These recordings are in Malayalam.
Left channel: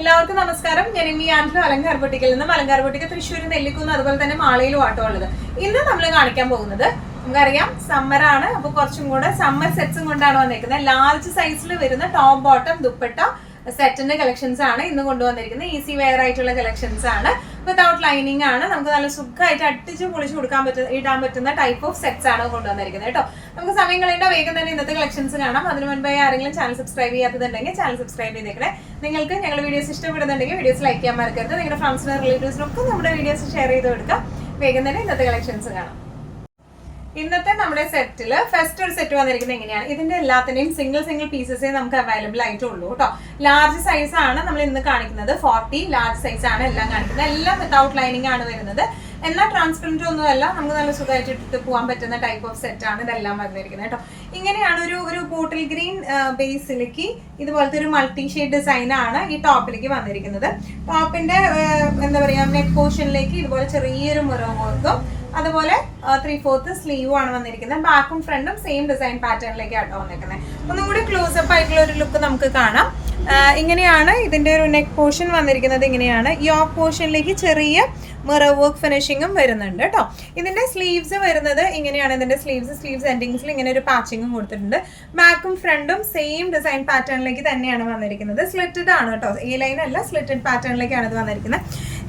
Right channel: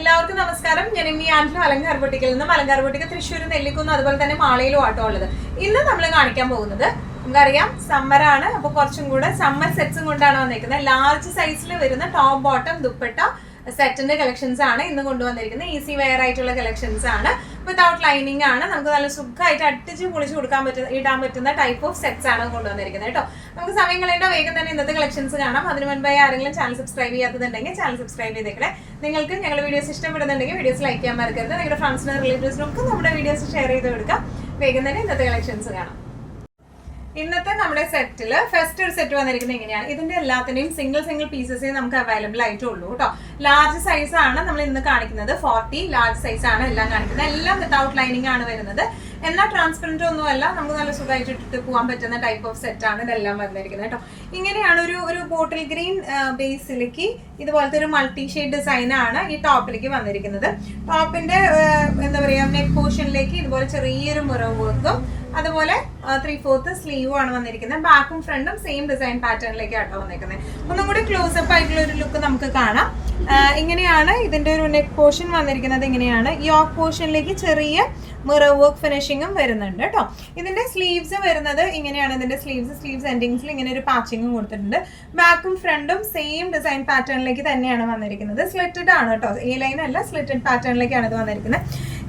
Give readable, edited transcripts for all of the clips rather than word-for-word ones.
എല്ലാവർക്കും നമസ്കാരം. ഞാൻ ഇനി ആൻഡ്രോ അലങ്കാർ ബൊട്ടിക്കിൽ നിന്നും അലങ്കാർ ബൊട്ടിക്ക് തൃശ്ശൂർ നെല്ലിക്കുന്ന് അതുപോലെ തന്നെ മാളയിലും ആട്ടോ ഉള്ളത്. ഇന്ന് നമ്മൾ കാണിക്കാൻ പോകുന്നത് നമുക്കറിയാം സമ്മറാണ്, അപ്പൊ കുറച്ചും കൂടെ സമ്മർ സെറ്റ്സും കൊണ്ടാണ് വന്നിരിക്കുന്നത്. ലാർജ് സൈസിൽ വരുന്ന ടോപ്പ് ബോട്ടം ദുപ്പട്ട സെറ്റിന്റെ കളക്ഷൻസ് ആണ് ഇന്ന് കൊണ്ടുവന്നിരിക്കുന്നത്. ഈസി വെയർ ആയിട്ടുള്ള കളക്ഷൻസ് ആണ്, വിതൗട്ട് ലൈനിങ് ആണ്. നമുക്ക് നല്ല സുഖമായിട്ട് അടിച്ച് പൊളിച്ച് ഇടാൻ പറ്റുന്ന ടൈപ്പ് ഓഫ് സെറ്റ്സ് ആണ് കൊണ്ടുവന്നിരിക്കുന്നത് കേട്ടോ. നമുക്ക് സമയം കളയേണ്ട, വേഗം തന്നെ ഇന്നത്തെ കളക്ഷൻസ് കാണാം. അതിന് മുൻപേ ആരെങ്കിലും ചാനൽ സബ്സ്ക്രൈബ് ചെയ്യാത്തതുണ്ടെങ്കിൽ ചാനൽ സബ്സ്ക്രൈബ് ചെയ്തേക്കണേ. നിങ്ങൾക്ക് ഞങ്ങളുടെ വീഡിയോസ് ഇഷ്ടപ്പെടുന്നുണ്ടെങ്കിൽ വീഡിയോസ് ലൈക്ക് ചെയ്യാൻ മറക്കരുത്. നിങ്ങളുടെ ഫ്രണ്ട്സിനും റിലേറ്റീവ്സിനൊക്കെ നമ്മുടെ വീഡിയോസ് ഷെയർ ചെയ്ത് കൊടുക്കാം. വേഗം തന്നെ ഇന്നത്തെ കളക്ഷൻസ് കാണാം. ഇന്നത്തെ നമ്മുടെ സെറ്റിൽ ഫസ്റ്റ് ഒരു സെറ്റ് വന്നിരിക്കുന്നത് എങ്ങനെയാണ്? ഇതിന്റെ എല്ലാത്തിനെയും സിംഗിൾ പീസസേ നമുക്ക് അവൈലബിൾ ആയിട്ടുള്ളൂ കേട്ടോ. ലാർജ് സൈസ് ആണ് നമ്മൾ ഇന്ന് കാണിക്കുന്നത്. 40 ലാർജ് സൈസ് ആണ് എല്ലാം കാണിക്കുന്നത്. എല്ലാം വിതൗട്ട് ലൈനിങ് ആണ് വരുന്നത്. എന്നാൽ ട്രാൻസ്പെറന്റ് ഒന്നുമല്ല, നമുക്ക് നല്ല സുഖമായിട്ട് ഇട്ടിട്ട് പോകാൻ പറ്റുന്ന ടൈപ്പ് ഓഫ് സെറ്റ് ആണ് ഇതെല്ലാം വന്നിരിക്കുന്നത് കേട്ടോ. ഇങ്ങനെയാണ് ഒരു ബോട്ടിൽ ഗ്രീൻ ബേസിലേക്ക് ഇതുപോലത്തെ ഒരു മൾട്ടി ഷെയ്ഡ് ഡിസൈൻ ആണ് ഈ ടോപ്പിലേക്ക് വന്നിരിക്കുന്നത്. ടോപ്പിന്റെ എന്താ പറയാ, നെക്ക് പോർഷനിലേക്ക് ഇതുപോലെ ചെറിയൊരു മിറർ വർക്കും അതുപോലെ 3/4 സ്ലീവും ആണ് വന്നിരിക്കുന്നത്. ബാക്കും ഫ്രണ്ടും സെയിം ഡിസൈൻ പാറ്റേണിലേക്ക് ആട്ടോ വന്നിരിക്കുന്നത്. ഒന്നും കൂടി ക്ലോസപ്പ് ആയിട്ടുള്ള ഒരു ലുക്ക് നമുക്ക് കാണാം. ഇങ്ങനെയാണ് ഇതിന്റെ ഒരു നെക്ക് പോർഷൻ വന്നിരിക്കുന്നത്. ഇങ്ങനെയാണ് യോക്ക് പോർഷനിലേക്ക് ചെറിയ മിറർ വർക്ക് ഫിനിഷിങ്ങും വരുന്നുണ്ട് കേട്ടോ. ഇതിന്റെ സ്ലീവ്സ് വരുന്നത് ഇങ്ങനെയാണ്. ഇതിന്റെ സ്ലീവ്സ് എൻഡിങ്സിൽ ഇങ്ങനെ ഒരു പാച്ചിങ്ങും കൊടുത്തിട്ടുണ്ട്. ബാക്കും ഫ്രണ്ടും സെയിം ഡിസൈൻ പാറ്റേണിലേക്ക് തന്നെയാണ് വന്നിരിക്കുന്നത്. സ്ലിറ്റഡ് ആണ് കേട്ടോ, ഈ ലൈൻ അല്ല, സ്ലിറ്റഡ് പാറ്റേണിലേക്കാണ് ഇത് വന്നിരിക്കുന്നത്.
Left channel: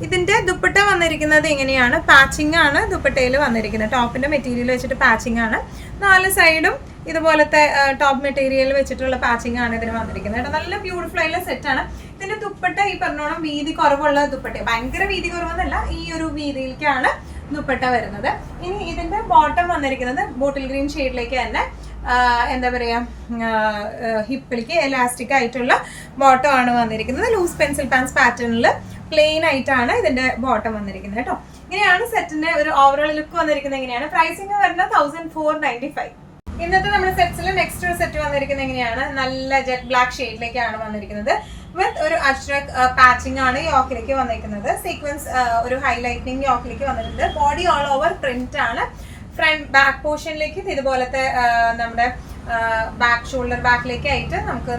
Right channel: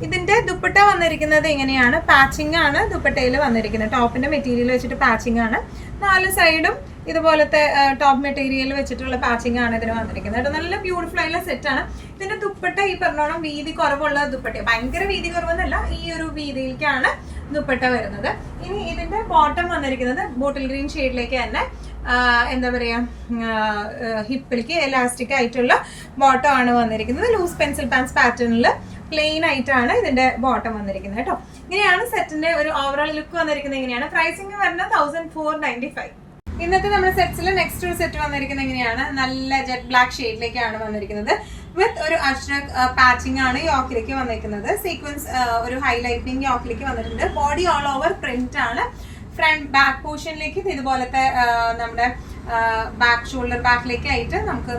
ഇതിന്റെ ദുപ്പട്ട വന്നിരിക്കുന്നത് ഇങ്ങനെയാണ്. പാച്ചിങ് ആണ് ദുപ്പട്ടയിൽ വന്നിരിക്കുന്നത്. ടോപ്പിന്റെ മെറ്റീരിയൽ വെച്ചിട്ട് പാച്ചിങ് ആണ്. 4 സൈഡും ഇതുപോലത്തെ ടോപ്പ് മെറ്റീരിയൽ വെച്ചിട്ടുള്ള പാച്ചിങ് ആണ് ഇതിന് വന്നിരിക്കുന്നത് കേട്ടോ. നല്ല ബ്യൂട്ടിഫുൾ ആയിട്ടുള്ള സെറ്റ് ആണ്. ഇതിന്റെ ദുപ്പട്ട ഈ പറഞ്ഞോണം വീതി കുറവുള്ള ദുപ്പട്ട, ഭയങ്കര വീതി കുറവെന്നല്ല, ഈ ഒരു വീതിയിലേക്കാണ് ദുപ്പട്ട വരുന്നത്. ഇനി ഇതിന്റെ ബോട്ടം വന്നിരിക്കുന്നത് ബോട്ടിൽ ഗ്രീൻ ഷെയ്ഡിലേക്ക് തന്നെ എന്താ പറയാ, ഹിപ്പിലേക്ക് എലാസ്റ്റിക് ആയിട്ടുള്ള ബോട്ടം ആണ് വന്നിരിക്കുന്നത്. ലൂസ് പെൻസിൽ പാൻസ് പാറ്റേണിൽ പ്ലെയിൻ ആയിട്ടാണ് ഇതിന്റെ ബോട്ടം വന്നിരിക്കുന്നത് കേട്ടോ. ഇങ്ങനെയാണ് സെറ്റിന്റെ ഒരു ഓവറോൾ ലുക്ക് വന്നിരിക്കുന്നത്. ഇങ്ങനെയാണ് പ്രൈസിങ് വരുന്നത് 1495. ഇന്നത്തെ നമ്മുടെ സെറ്റ്സിൽ നെക്സ്റ്റ് ഒരു സെറ്റ് വന്നിരിക്കുന്നത് എങ്ങനെയാണ്? നല്ല ജെറ്റ് ബ്ലാക്ക് ഷെയ്ഡിലേക്കാണ് വന്നിരിക്കുന്നത്. വിത്ത് ഒരു അഷ്റക് പാച്ചിങ് ആണ് യോക്കിലേക്ക് വന്നിരിക്കുന്നത്. സീക്വൻസ് ഒരു ഹൈലൈറ്റിംഗ് യോക്കിലേക്ക് വന്നിട്ടുണ്ട്. ബോഡി ഓൾ ഓവർ പ്രിന്റ് ആണ്. ഫ്രണ്ട് ബാക്ക് പോർഷനിലേക്ക് ഇതുപോലത്തെ നമ്മുടെ ബാക്ക് ഷോൾഡർ ബാക്കിലേക്ക് ആയിട്ട് നമുക്ക്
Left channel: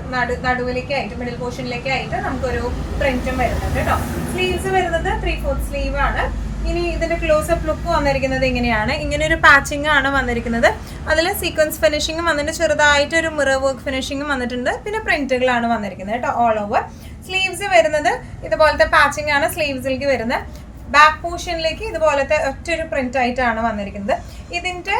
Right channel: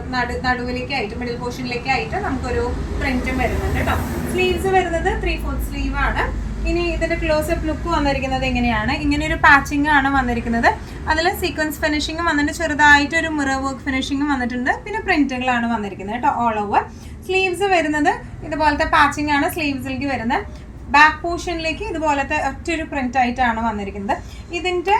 നടുവിലേക്ക് ആയിട്ട് മിഡിൽ പോർഷനിലേക്ക് ആയിട്ട് നമുക്കൊരു പ്രിന്റും വരുന്നുണ്ട് കേട്ടോ. സ്ലീവ്സ് വരുന്നത് 3/4 സ്ലീവ് ആണ്. ഇനി ഇതിന്റെ ക്ലോസപ്പ് ലുക്ക് വന്നിരിക്കുന്നത് എങ്ങനെയാണ്? ഇങ്ങനെ ഒരു പാച്ചിങ് ആണ് വന്നിരിക്കുന്നത്. അതിൽ സീക്വൻസ് ഫിനിഷിങ്ങും വന്നിട്ട് ചെറുതായിട്ട് ഒരു മിറർ വർക്ക് ഫിനിഷിങ്ങും വന്നിട്ടുണ്ട്. പിന്നെ പ്രിന്റുകളാണ് വന്നിരിക്കുന്നത് കേട്ടോ ഓൾ ഓവർ. സ്ലീവ്സ് വരുന്നത് ഇതുപോലത്തെ പാച്ചിങ് ആണ് സ്ലീവ്സിലേക്ക് വരുന്നത്. ബാക്ക് പോർഷനിലേക്ക് ഇതുപോലത്തെ ഒറ്റൊരു പ്രിന്റ് ആയിട്ടാണ് വന്നിരിക്കുന്നത്. ഇതിന്റെ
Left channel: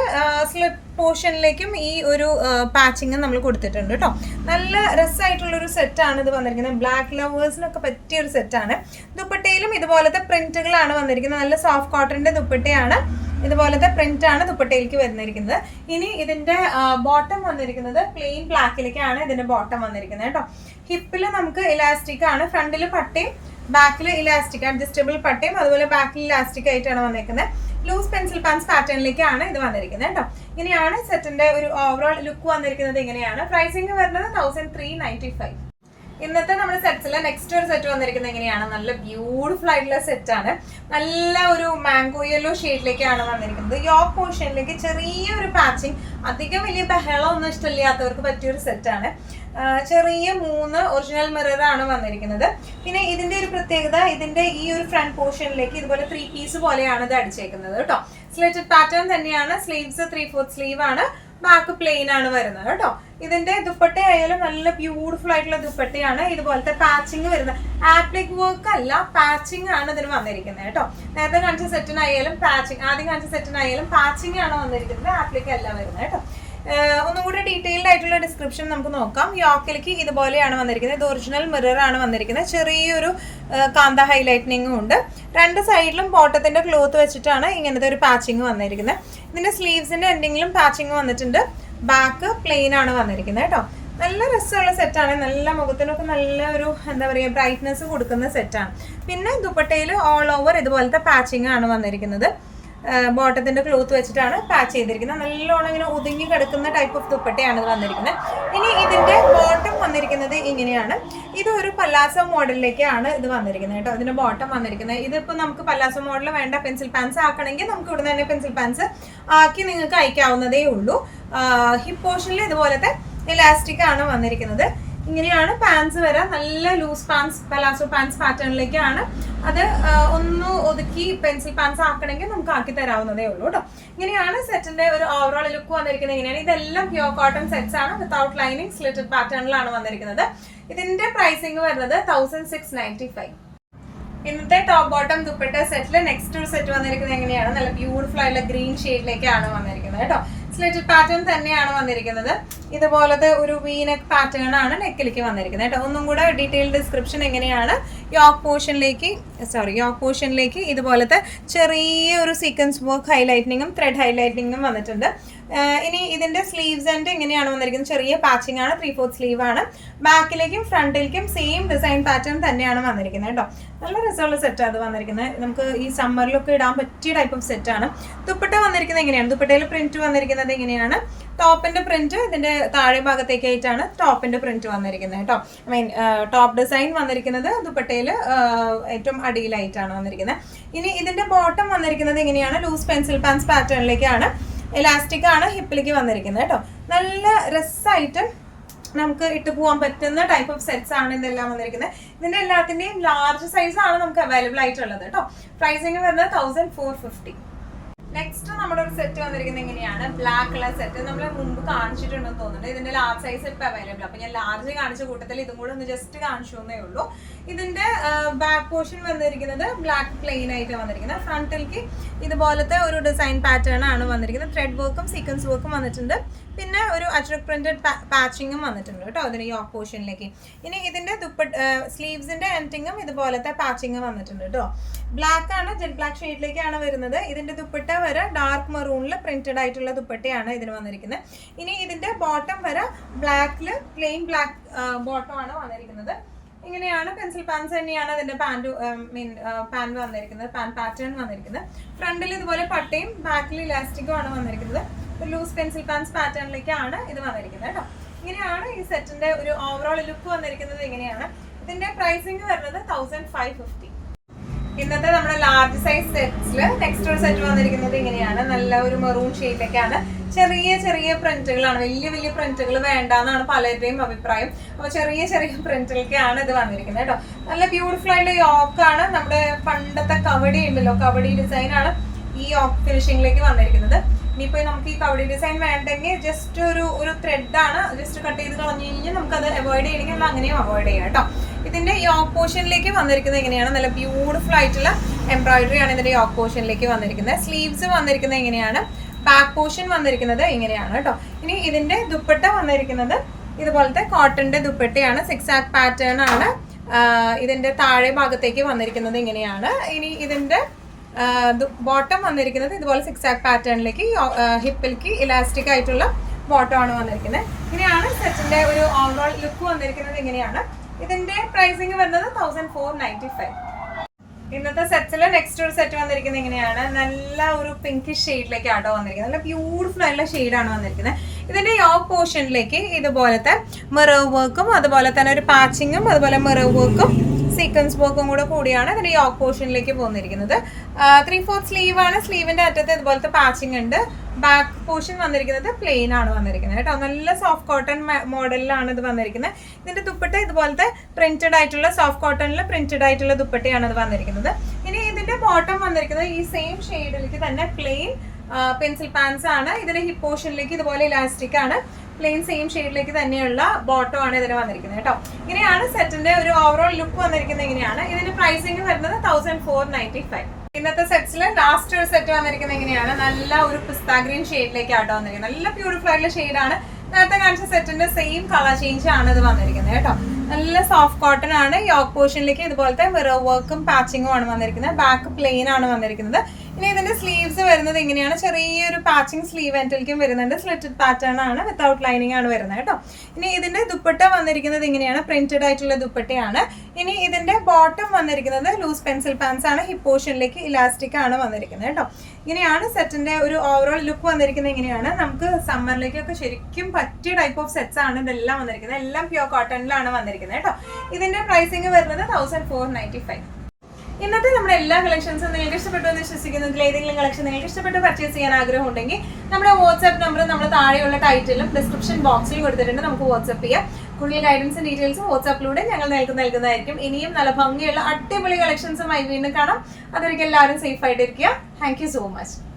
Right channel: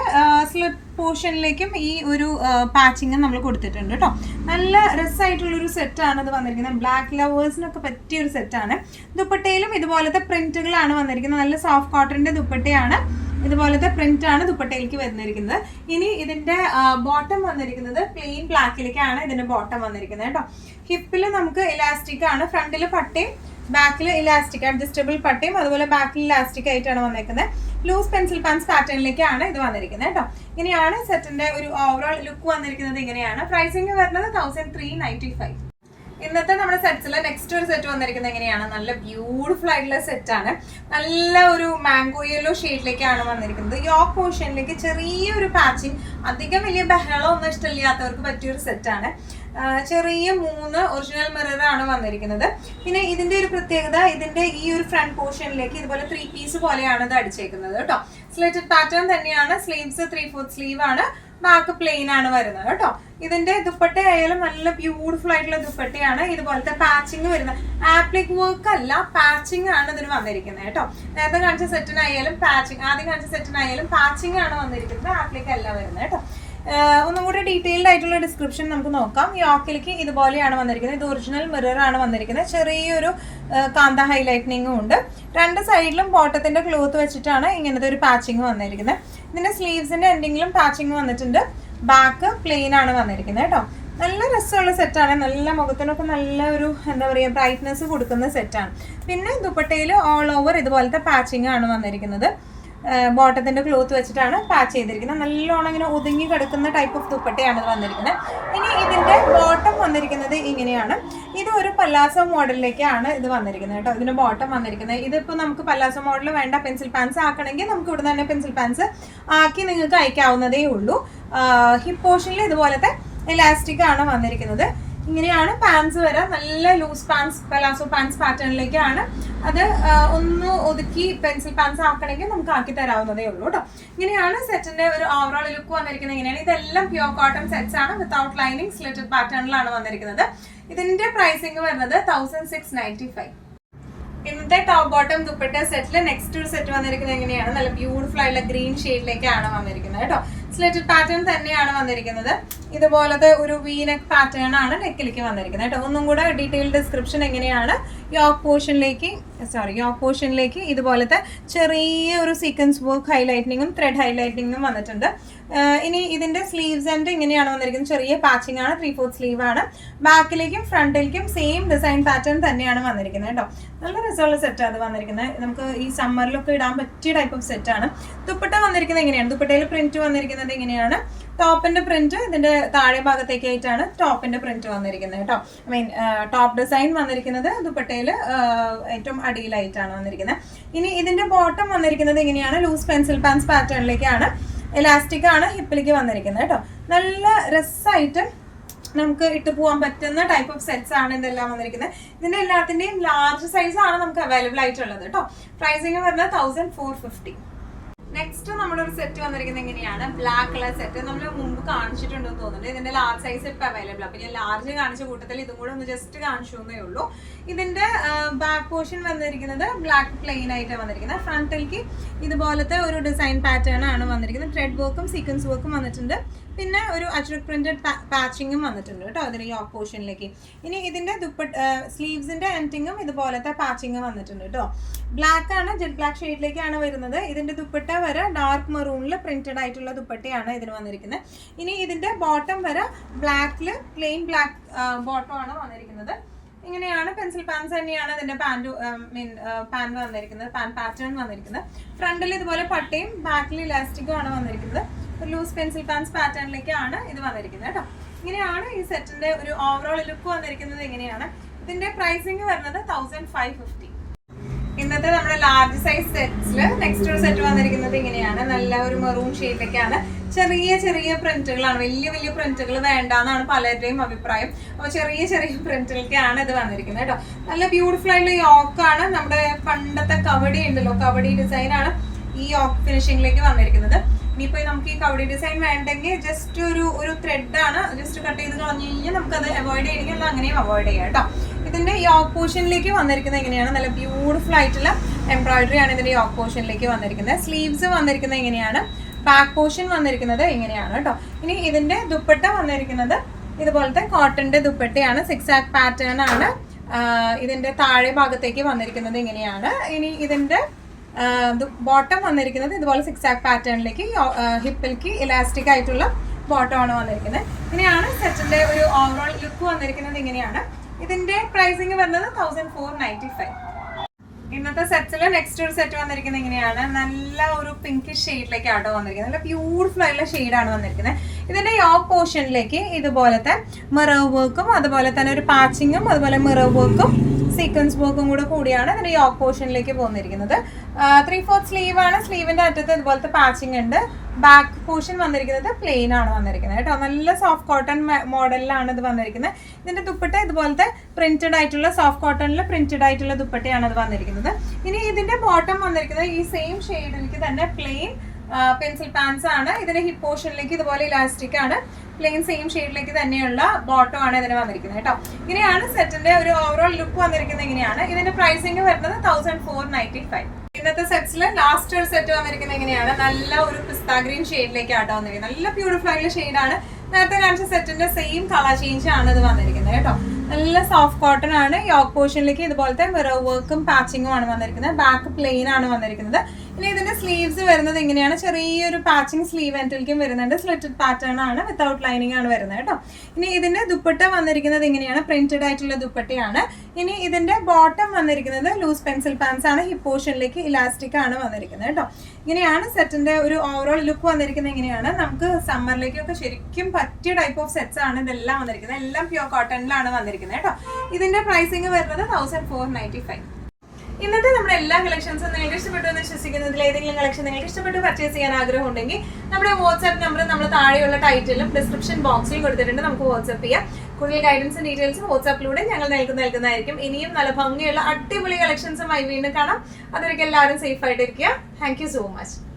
സ്ലിറ്റ് പോർഷനിലേക്കും ഈ ഒരു പാച്ചിങ് നമ്മൾ കൊടുത്തിട്ടുണ്ട് കേട്ടോ. നല്ല രസമായിട്ടുള്ളൊരു സെറ്റാണ് ഇത് വന്നിരിക്കുന്നത്. ബ്ലാക്ക് ലവേഴ്സിനൊക്കെ പറ്റിയ ഒരു സെറ്റാണ്. ദുപ്പട്ടയിലും ഇതുപോലത്തെ പ്രിന്റുകളാണ് വന്നിരിക്കുന്നത്. നല്ല സോഫ്റ്റ് കോട്ടന്റെ ദുപ്പട്ടയാണ്. ഇതുപോലത്തെ പ്രിന്റ് ആണ് ദുപ്പട്ടയിലേക്ക് വന്നിരിക്കുന്നത്. ഇനി ഇതിന്റെ ബോട്ടം വന്നിരിക്കുന്നത് പ്ലെയിൻ ബ്ലാക്കിലേക്കാണ് ഇതിന്റെ ബോട്ടം വന്നിരിക്കുന്നത് കേട്ടോ. ഹിപ്പിൽ നമുക്ക് ഇലാസ്റ്റിക് ആണ്. ഫ്രണ്ടിൽ പട്ടയും ബാക്കിൽ ഇലാസ്റ്റിക് അഡ്ജസ്റ്റബിൾ പട്ടയും അതുപോലെ ബാക്കിൽ ഇലാസ്റ്റിക് ആയിട്ടാണ് വന്നിരിക്കുന്നത്. ലൂസ് പെൻസിൽ പാൻസ് പാറ്റേണിലേക്കാണ് ഇത് വന്നിരിക്കുന്നത് കേട്ടോ. ഇങ്ങനെയാണ് സെറ്റിന്റെ ഒരു ഓവറോൾ ലുക്ക് വന്നിരിക്കുന്നത്. ഇങ്ങനെയാണ് പ്രൈസിങ് വരുന്നത് 1395. ഇന്നത്തെ നമ്മുടെ സെറ്റ്സിൽ നെക്സ്റ്റ് ഒരു സെറ്റ് വന്നിരിക്കുന്നത് എങ്ങനെയാണ്? നല്ല ബ്യൂട്ടിഫുൾ ആയിട്ടുള്ള സെറ്റ് ആണ്. നല്ല ഒരു മാംഗോ യെല്ലോ ഷെയ്ഡിലേക്കാണ് വന്നിരിക്കുന്നത്. യോക്ക് പോർഷനിലേക്ക് ചെറിയൊരു പാച്ചിങ്, അധികം വലിയ ബഹളം ഒന്നും ഇഷ്ടമില്ലാത്തവർക്ക് പറ്റിയൊരു സെറ്റാണ്. ചെറിയ 3 ഒറിജിനൽ മിറർ ആണ് വന്നിരിക്കുന്നത്. പിന്നെ ഇതിന്റെ ഒരു പ്രത്യേകത, ഇതിന്റെ ഈ ഒരു ഫ്രണ്ട് പോർഷനിലേക്ക് ഇതുപോലെ 3 പീസ് പോലെയാണ് ഇത് അടിച്ചേക്കുന്നത് കേട്ടോ. സ്ലിറ്റഡ് പാറ്റേൺ തന്നെയാണ്. സ്ലീവ്സ് 3/4 സ്ലീവ് ആണ്. ബാക്ക് പ്ലെയിൻ ആണ് വരുന്നത് കേട്ടോ. ഇതിന്റെ ദുപ്പട്ട ആയാലും നല്ല ബ്യൂട്ടിഫുൾ ആയിട്ടുള്ള ദുപ്പട്ടയാണ്. ഇതുപോലത്തെ പാച്ചിങ് വരുന്നത്. ആപ്ലിക് വർക്ക് അല്ല, പാച്ചിങ് ആണ് ഇതിന് വന്നിരിക്കുന്നത് കേട്ടോ. നേരത്തെ കാണിച്ച സെറ്റിനായാലും ആദ്യം കാണിച്ച സെറ്റിനായാലും പാച്ചിങ് ആണ് വന്നിരിക്കുന്നത്, ആപ്ലിക് അല്ല വരുന്നത് കേട്ടോ. ഒന്നും കൂടെ ഡീറ്റെയിൽഡ് ആയിട്ടുള്ള ഡിസ്ക്രിപ്ഷൻ നമുക്ക് നോക്കാം. യോക്കിലേക്ക് ഇതുപോലെയാണ് വന്നിരിക്കുന്നത്. ഇത് ഒറിജിനൽ മിറർ ആണ് വന്നിരിക്കുന്നത്. ചെറിയൊരു കാന്ത ഹൈലൈറ്റനിങ്ങും ഉണ്ട്. 2 സൈഡിലും ബോട്ടത്തിന്റെ ക്ലോത്ത് വെച്ചിട്ടാണ് ഇങ്ങനത്തെ ഒരു പാച്ചിങ് വന്നിരിക്കുന്നത്. ഇതിന്റെ സ്ലീവ്സിന്റെ എൻഡിങ്ങിലും പാച്ചിങ് വന്നിട്ടുണ്ട്. ബാക്ക് പ്ലെയിൻ ആണ് വന്നിരിക്കുന്നത് കേട്ടോ. നല്ല രസമുള്ള സെറ്റാണ്. നല്ല മുഖത്തിനൊക്കെ നല്ല ഒരു എന്താ പറയുക ബ്രൈറ്റ്നെസ് കൊടുക്കുന്ന സെറ്റാണ്. പിന്നെ ദുപ്പട്ടയിൽ ഓൾ ഓവർ ഇതുപോലത്തെ പാച്ചിങ് ആണ് വന്നിരിക്കുന്നത്. ബോട്ടത്തിന്റെ ക്ലോത്ത് വെച്ചിട്ടാണ് പാച്ച് ചെയ്തിരിക്കുന്നത്. നല്ലോണം ഇങ്ങനെ ഒതുങ്ങി കിടക്കുന്ന ടൈപ്പ് ഓഫ് ദുപ്പട്ടയാണ് ഇത് വന്നിരിക്കുന്നത്. ഇനി ഇതിന്റെ ബോട്ടം വന്നിരിക്കുന്നത് ഇങ്ങനെയാണ്. ഇത് ഒരു പല്ലാസോ മോഡലിലേക്കാണ് ഇത് വന്നിരിക്കുന്നത് കേട്ടോ. ഇതിന്റെ ബോട്ടം വന്നിരിക്കുന്നത് ഇതിപ്പോ നമുക്ക് പല്ലാസോ മോഡൽ വേണ്ട, പെൻസിൽ പാൻസ് ആക്കണമെങ്കിൽ നമുക്ക് ഇവിടെ തന്നെ പെൻസിൽ പാൻസ് ആക്കി നിങ്ങൾക്ക് അയക്കാവുന്നതേ ഉള്ളൂ. ഹിപ്പ് പോർഷനിൽ ഇതുപോലത്തെ ഇലാസ്റ്റിക് ആണ് വന്നിരിക്കുന്നത്. ഇങ്ങനെയാണ് പാൻസ് വരാം. നല്ല ലൂസ് പാൻസ്, പലാസോ പാൻസ് പാറ്റേണിലേക്കാണ്. അത് ഒന്ന് ഒതുക്കി പെൻസിൽ പാൻസ് ആക്കണമെങ്കിൽ നമുക്ക് ആക്കി തരാവുന്നതേ ഉള്ളൂ കേട്ടോ. ഇങ്ങനെയാണ് സെറ്റിന്റെ ഒരു ഓവറോൾ ലുക്ക് വന്നിരിക്കുന്നത്. ഇങ്ങനെയാണ്. ഇതെല്ലാം പ്യൂർ കോട്ടൺ സെറ്റ്സ് ആണ്, വിത്തൗട്ട് ലൈനിങ്, സ്ലിറ്റഡ് പാറ്റേണിലാണ് വന്നിരിക്കുന്നത്. ഇതിന്റെ പ്രൈസിങ് വരുന്നത് 1695. ഇന്നത്തെ ടോപ്പ് ബോട്ടം ദുപ്പട്ട സെറ്റില് നെക്സ്റ്റ് ഒരു സെറ്റ് വന്നിരിക്കുന്നത് എങ്ങനെയാണ്? നല്ല ബ്യൂട്ടിഫുൾ ആയിട്ടുള്ള ഗ്രീൻ ഷെയ്ഡിലേക്കാണ് വന്നിരിക്കുന്നത് കേട്ടോ. സ്ലിറ്റഡ് പാറ്റേൺ തന്നെയാണ് വന്നിരിക്കുന്നത്. ഇതുപോലത്തെ ഒരു വീനെക്ക് പാറ്റേൺ ആണ് നെക്കിലേക്ക് വന്നിരിക്കുന്നത് കേട്ടോ. ഒന്നും കൂടെ ഡീറ്റെയിൽ ഡിസ്ക്രിപ്ഷൻ എങ്ങനെയാണ്. യോക്ക് പോർഷനിലേക്ക് ഇതുപോലത്തെ ചെറിയ ഒരു സീക്വൻസ് വർക്ക് ഹൈലൈറ്റിങ്ങും ത്രെഡ് ഹൈലൈറ്റിങ്ങും വന്നിട്ടുണ്ട്. ഇനി ഇതിന്റെ സ്ലീവ്സ് ആൻഡ് ഇങ്ങനെയാണ് വന്നിരിക്കുന്നത്. ചെറിയ പാച്ചിങ് ആണ്, 3/4 സ്ലീവ് ആണ്. ബാക്കിലേക്കും ഫ്രണ്ടിലേക്കും സെയിം ഡിസൈൻ പാറ്റേൺ തന്നെയാണ് വന്നിരിക്കുന്നത് കേട്ടോ. നല്ല രസമുള്ള സെറ്റ് അത് വന്നിരിക്കുന്നത്. നമുക്ക് ഈ സമ്മറിലൊക്കെ ഇടാൻ പറ്റിയ ടൈപ്പ് ഓഫ് സെറ്റ് ആണ്. ദുപ്പട്ട വന്നിരിക്കുന്നത് എങ്ങനെയാണ്? ദുപ്പട്ടയിൽ പ്രിന്റ് വന്നിരിക്കുന്നത് ഇങ്ങനെയാണ്. ടോപ്പിന്റെ പ്രിന്റ് ഇതിന്റെ താഴെ ഭാഗത്തേക്കായിട്ടാണ് ടോപ്പിന്റെ പ്രിന്റ് വന്നിരിക്കുന്നത് കേട്ടോ. ടോപ്പ് ഡിസൈൻ വന്നിരിക്കുന്നത് ദുപ്പട്ടയിൽ ഏറ്റവും അടിയിലായിട്ടാണ് വന്നിരിക്കുന്നത്. ഇനി ഇതിന്റെ ബോട്ടം വന്നിരിക്കുന്നത് എങ്ങനെയാണ്? ലൂസ് പെൻസിൽ പാൻസ് പാറ്റേണിലേക്കാണ്. എലാസ്റ്റിക് ആണ് ഹിപ്പിലേക്ക് വന്നിരിക്കുന്നത് കേട്ടോ. നല്ല രസമായിട്ട് നമുക്ക് ഇട്ട് പോകാൻ പറ്റുന്ന ടൈപ്പ് ഓഫ് സെറ്റ്സ് ആണ് ഇതെല്ലാം വന്നിരിക്കുന്നത്. ഇതിന്റെ എല്ലാത്തിന്റെയും ലാർജ് സൈസ് ആണ് നമുക്ക് അവൈലബിൾ ആയിട്ടുള്ളത് കേട്ടോ. പ്രൈസിങ് വരുന്നത് 1450. നെക്സ്റ്റ് നമ്മുടെ ഒരു സെറ്റ് വന്നിരിക്കുന്നത് എങ്ങനെയാണ്? ബ്ലാക്ക് കളർ സെറ്റ് നമ്മൾ മുമ്പ് കാണിച്ചിട്ടുണ്ടെന്ന് തോന്നുന്നുണ്ട്. ഇതിന്റെ ലാർജ് സൈസ് ഇപ്പൊ അവൈലബിൾ. അപ്പൊ ഞാൻ ലാർജ് കാണിച്ച കൂട്ടത്തിൽ ഇതും കൂടെ ഒന്ന് ജസ്റ്റ് കാണിച്ചു എന്നേ ഉള്ളൂ. ഇതിന്റെ ബാക്ക് പോർഷൻ വന്നിരിക്കുന്നത് ബ്ലാക്ക് പ്ലെയിൻ ആയിട്ട് വന്നിരിക്കുന്നത്. ഫ്രണ്ടിലേക്ക് ഇതുപോലത്തെ ഒരു ഡിസൈൻ പാറ്റേൺ ആണ് വന്നിരിക്കുന്നത്. ത്രെഡ് വർക്കും സീക്വൻസ് വർക്കും വന്നിട്ടുണ്ട്. പിന്നെ ഒരു അജ്രക് പ്രിന്റഡ് പാച്ചിങ്ങും വന്നിട്ടുണ്ട് കേട്ടോ അതിന് യോക്ക് പോർഷനിലേക്ക്. ഇനി ഇതിന്റെ സ്ലീവ്സിന്റെ എൻഡിങ്ങും ഇതുപോലത്തെ പാച്ചിങ് വന്നിട്ടുണ്ട് കേട്ടോ. ബ്ലാക്ക് ആണ്, ജെറ്റ് ബ്ലാക്ക് ഷെയ്ഡിലേക്കാണ് വരുന്നത്. ഇതിന്റെ ദുപ്പട്ട വരെ ഡാർക്ക് മെറൂണിൽ പ്രിന്റഡ് ആയിട്ടുള്ള ദുപ്പട്ടയാണ് ഇതിന് വന്നിരിക്കുന്നത്. ഇനി ഇതിന്റെ ബോട്ടം വരെ ബ്ലാക്കില് പ്ലെയിൻ ബ്ലാക്ക് ബോട്ടം ആണ് വന്നിരിക്കുന്നത്. ഇങ്ങനെയാണ് പെൻസിൽ പാൻസ് തന്നെയാണ് ഇതിന്റെ പാൻറ് വന്നിരിക്കുന്നത്, പാറ്റേൺ വന്നിരിക്കുന്നത്. ഫ്രണ്ടിൽ ഇതുപോലെ പട്ടയും ബാക്കിൽ ഇലാസ്റ്റിക്കും ആണ് വന്നിരിക്കുന്നത്. ഒരു ലൂസ് പെൻസിൽ പാൻസ് പാറ്റേണിലേക്കാണ് ഇത് വന്നിരിക്കുന്നത് കേട്ടോ. ഇങ്ങനെയാണ് ഈ സെറ്റിന്റെ ഒരു ഓവറോൾ ലുക്ക് വന്നിരിക്കുന്നത്. ഇങ്ങനെയാണ്. ഇതിന്റെ പ്രൈസിങ് വരുന്നത് 1550. ഇന്നത്തെ നമ്മുടെ ലാർജ് സൈസ് സെറ്റ്സില് നെക്സ്റ്റ് ഒരു സെറ്റ് വന്നിരിക്കുന്നത് ഇങ്ങനെയാണ്. നല്ല ഒരു മെറൂൺ ഷെയ്ഡിലേക്കാണ്. ചെറിയ ചെറിയ പ്രിന്റുകളാണ്. വലിയ വലിയ പ്രിന്റുകൾ വേണ്ടാന്നാണ് പലരുടെയും അഭിപ്രായം. അപ്പൊ ചെറിയ ചെറിയ പ്രിന്റിലേക്കാണ് ഇത് വന്നിരിക്കുന്നത് കേട്ടോ. നല്ല ബ്യൂട്ടിഫുൾ ആയിട്ടുള്ള യോക്കാണ്. നമ്മുടെ പണ്ടത്തെ കവടി ഉണ്ടല്ലോ, കവടി ഡിസൈൻ ആണ് ഈ യോക്ക് ഫിനിഷിംഗിലേക്ക് വന്നിരിക്കുന്നത്. ഇനിയിപ്പോ നമുക്ക് ഈ കവടി ഡിസൈൻ വേണ്ടെങ്കിൽ ജസ്റ്റ് ഒരു ത്രെഡ് ആണ്, ജസ്റ്റ് കട്ട് ചെയ്ത് കളഞ്ഞു കഴിഞ്ഞാൽ നമുക്കത് അവോയ്ഡ് ചെയ്യണമെങ്കിൽ അങ്ങനെയും അവോയ്ഡ് ചെയ്യാം കേട്ടോ. ഇതിന്റെ യോക്ക് പോർഷനിലേക്ക് വന്നിരിക്കുന്നത് എങ്ങനെയാണ്? നല്ല ബ്യൂട്ടിഫുൾ ആയിട്ടുള്ള എംബ്രോയിഡറി ആണ് ഇതിന്റെ യോക്ക് പോർഷനിലേക്ക് വന്നിരിക്കുന്നത്. സ്ലീവ്സ് വന്നിരിക്കുന്നത് എങ്ങനെയാണ്? ബാക്ക് പോർഷൻ വന്നിരിക്കുന്നത് ഇങ്ങനെയാണ് കേട്ടോ. ഇനി ഇതിന്റെ ദുപ്പട്ട വന്നിരിക്കുന്നത് ഇതുപോലത്തെ കോട്ടന്റെ ദുപ്പട്ടയാണ്. 6 പാറ്റേൺ ആണ്. ഇതിന്റെ താഴെ ഭാഗത്തേക്ക് വന്നിരിക്കുന്നത് ഇങ്ങനെയാണ്. ഇനി ഇതിന്റെ ബോട്ടം വന്നിരിക്കുന്നത് ഇതുപോലെ 6 പാറ്റേണിലേക്ക് ഹിപ്പിലേക്ക് ഇലാസ്റ്റിക് ആയിട്ടുള്ള ബോട്ടം ആണ് വന്നിരിക്കുന്നത്. ഇങ്ങനെയാണ് സെറ്റിന്റെ ഒരു ഓവറോൾ ലുക്ക് വന്നിരിക്കുന്നത്. ഇങ്ങനെയാണ്. ഇതിന്റെ പ്രൈസിങ് വരുന്നത് 1495. ഇന്നത്തെ സെറ്റില് നെക്സ്റ്റ് ഒരു സെറ്റ് വന്നിരിക്കുന്നത് ഇങ്ങനെയാണ്. നല്ല ഒരു പിങ്കിഷ് ഷെയ്ഡിലേക്ക് ആട്ടോ വന്നിരിക്കുന്നത്. നല്ല ബ്യൂട്ടിഫുൾ ആയിട്ടുള്ള ഷെയ്ഡാണ് വന്നിരിക്കുന്നത്. ഇതിന്റെ യോക്ക് പോർഷനിലേക്ക് ഇതുപോലത്തെ മിറർ വർക്കും അതുപോലെ തന്നെ ഒരു പാച്ചിങ്ങും അതുപോലെ മിറർ വർക്കും സീക്വൻസ് വർക്കും കൂടിയാണ് ഇതിന്റെ യോക്ക് പോർഷനിലേക്ക് പോന്നിരിക്കുന്നത്. 3/4 സ്ലീവ് ആണ്. സ്ലീവിന്റെ അറ്റത്ത് ഇതുപോലത്തെ പാച്ചിങ് ഉണ്ട്. ബാക്ക് പോർഷൻ വന്നിരിക്കുന്നത് പ്ലെയിൻ ആണ് വന്നിരിക്കുന്നത് കേട്ടോ. നല്ല സോഫ്റ്റ് കോട്ടൺ മോഡലിലാണ് ഇത് വന്നിരിക്കുന്നത്. ഇതിന്റെ ദുപ്പട്ട ഇതുപോലത്തെ പ്രിന്റഡ് ആയിട്ടുള്ള സോഫ്റ്റ് കോട്ടണിൽ പ്രിന്റഡ് ആയിട്ടുള്ള ദുപ്പട്ടയാണ് ഇത് വന്നിരിക്കുന്നത്. ഇനി ഇതിന്റെ ബോട്ടം വന്നിരിക്കുന്നത് ഈ സെയിം ഷെയ്ഡിലേക്ക് തന്നെ പ്ലെയിൻ പെൻസിൽ പാൻസ് ആണ്. ഇതിന്റെ ഹിപ്പ് പോർഷനിലേക്ക് ഇതുപോലെ ഇലാസ്റ്റിക് ആണ്. പ്ലെയിൻ സെയിം ഷെയ്ഡിലേക്ക് തന്നെയുള്ള ബോട്ടം ആണ് ഇതിന് വന്നിരിക്കുന്നത് കേട്ടോ. ഇങ്ങനെയാണ് സെറ്റിന്റെ ഒരു ഓവറോൾ ലുക്ക് വന്നിരിക്കുന്നത്. ഇങ്ങനെയാണ്. ഇതിന്റെ പ്രൈസിങ് വരുന്നത് 1495. ഇന്നത്തെ സെറ്റ്സിൽ ലാസ്റ്റ് ഒരു സെറ്റ് വന്നിരിക്കുന്നത് എങ്ങനെയാണ്? നല്ല ഒരു പിസ്ത ഗ്രീൻ ഷെയ്ഡിലേക്കാട്ടോ വന്നിരിക്കുന്നത്. നല്ല ബ്യൂട്ടിഫുൾ ആയിട്ടുള്ള ഷെയ്ഡാണ്. നേരത്തെ കാണിച്ച സെറ്റിന്റെ സെയിം കളർ ചേഞ്ച് ആണ് ഇത് വന്നിരിക്കുന്നത് കേട്ടോ. നല്ല സോഫ്റ്റ് കോട്ടൺ ആണ്. യോക്ക് പോർഷനിലേക്ക് ഇതുപോലത്തെ മിറർ വർക്കും പാച്ചിങ്ങും ആണ് വന്നിരിക്കുന്നത്. ബാക്ക് പ്ലെയിൻ ആണ് വന്നിരിക്കുന്നത്. ഇനി ഇതിന്റെ സ്ലീവ്സ് വരുന്നത് ഇങ്ങനെയാണ്. ചെറിയൊരു പാച്ചിങ് സ്ലീവ് എൻഡിലേക്കും വരുന്നുണ്ട്. സ്ലിറ്റഡ് പാറ്റേൺ ആണ്, വിത്തൗട്ട് ലൈനിങ് ആണ് വരുന്നത് കേട്ടോ. ഇനി ഇതിന്റെ ദുപ്പട്ട വന്നിരിക്കുന്നത് ഇങ്ങനെയാണ്. പ്രിന്റഡ് ആയിട്ടുള്ള ദുപ്പട്ടയാണ്. ഇനി ഇതിന്റെ ബോട്ടം വന്നിരിക്കുന്നത് ലൂസ് പെൻസിൽ പാൻസ് ആണ്. ഹിപ്പ് പോർഷനിലേക്ക് ഇലാസ്റ്റിക് ആണ് വന്നിരിക്കുന്നത് കേട്ടോ. ഇങ്ങനെയാണ് സെറ്റിന്റെ ഒരു ഓവറോൾ ലുക്ക് വന്നിരിക്കുന്നത്. ഇങ്ങനെയാണ്. നമുക്ക് സമ്മറിലേക്കൊക്കെ ശരിക്കും പറ്റിയ ടൈപ്പ് ഓഫ് സെറ്റ്സ് ആണ് ഇതെല്ലാം വന്നിരിക്കുന്നത്. എല്ലാം പ്യൂർ കോട്ടണിലാണ് വന്നിരിക്കുന്നത് കേട്ടോ. ഇതിന്റെ പ്രൈസിങ് വരുന്നത് 1495. ഇന്നത്തെ നമ്മുടെ എല്ലാ കളക്ഷൻസും നിങ്ങൾക്ക് ഇഷ്ടപ്പെട്ടു എന്ന് വിശ്വസിക്കുന്നതിൽ ഏതെങ്കിലും കളക്ഷൻ നിങ്ങൾക്ക് ഇഷ്ടപ്പെട്ട് പർച്ചേസ് ചെയ്യാൻ ആഗ്രഹം ഉണ്ടെങ്കിൽ നമ്മുടെ വാട്സ്ആപ്പ് നമ്പർ നമ്മൾ താഴെയുള്ള ടൈറ്റിലും ഡിസ്ക്രിപ്ഷൻ ബോക്സിലും കൊടുത്തിട്ടുണ്ട്. നമുക്ക് വാട്സ്ആപ്പ് ചെയ്യാം. കൂടുതൽ ഗൈഡൻസും ഡീറ്റെയിൽസും വാട്സ്ആപ്പിലൂടെ ഞങ്ങൾ നൽകുന്നതായിരിക്കും. ഇനിയും നല്ല ഭംഗിയുള്ള അടിപൊളി കളക്ഷൻസുമായി വീണ്ടും കാണാം. അതൊരിക്കൽ എല്ലാവരും സേഫ് ആയിട്ടിരിക്കുക. Thank you so much.